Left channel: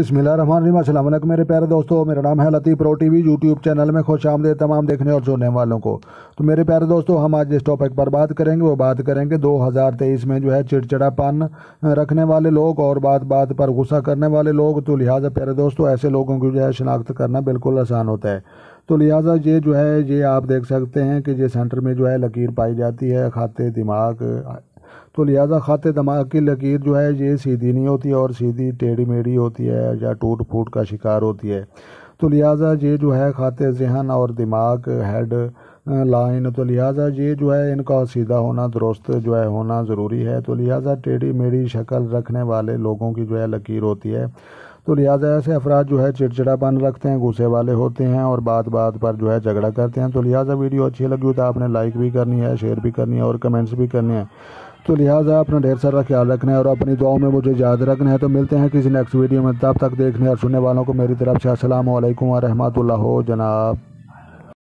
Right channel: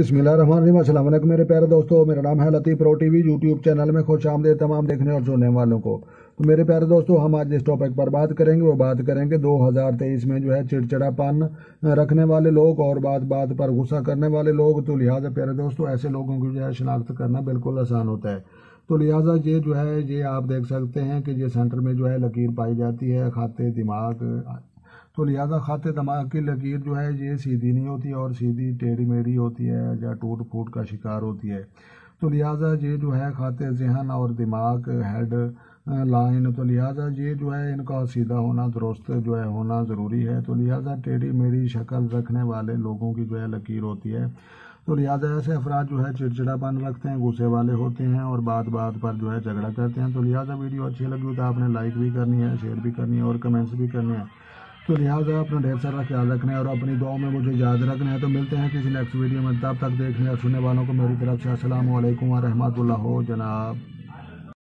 बिस्मिल्लाहिर्रहमानिर्रहीम। अस्सलाम वालेकुम मेरे प्यारे दोस्तों, मेरा नाम है लतीफ़ प्रो टीवी। यूट्यूब चैनल में खुश आमदीद तमाम देखने और सुनने वालों को। तो मेरे प्यारे दोस्तों, हम आज जिस टॉपिक पर बात करेंगे वो बात करेंगे 2023 में जो है चिड़चिड़ापन रखने वाले लोग और बात बात पर गुस्सा करने वाले लोग। तो लिहाजा प्यारे दोस्तों, ऐसे लोगों की जो है शिनाख्त करना बिल्कुल आसान होता है। तो लिहाजा ये आप देख सकते हैं कि ये सेंटर में जो है लकीर पाई जाती है खाते दिमाग। तो लिहाजा खाते दिमाग की लकीर जो है ये सीधी नहीं होती और सीधी टेढ़ी मेढ़ी होती है या टूट फूट का शिकार होती है। तो लिहाजा ये जो है खाते जहन और दिमाग हेड लाइन, तो लिहाजा ये जो है इनका सीधा होना दुरुस्त जो है होना ज़रूरी है। तो लिहाजा टेढ़ी मेढ़ी शक्ल रखने वाले लोगों की जो है लकीर होती है। तो लिहाजा ऐसे अफराद जो है चिड़चिड़ापन रखते हैं, गुस्से वाले होते हैं और बात बात पर जो है झगड़ा करते हैं। तो लिहाजा वीडियो अच्छी लगी तो आपने लाइक भी करनी है, शेयर भी करनी है और कमेंट्स भी करने हैं। तो लिहाजा अपना ढेर सारा ख्याल रखना है और अपनी दुआओं में मुझे याद रखना है। तो मिलते हैं किसी नेक्स्ट वीडियो में, तब तक देखने और सुनने वालों को मेरी तरफ से अस्सलाम वालेकुम व रहमतुल्लाह हो जनाब।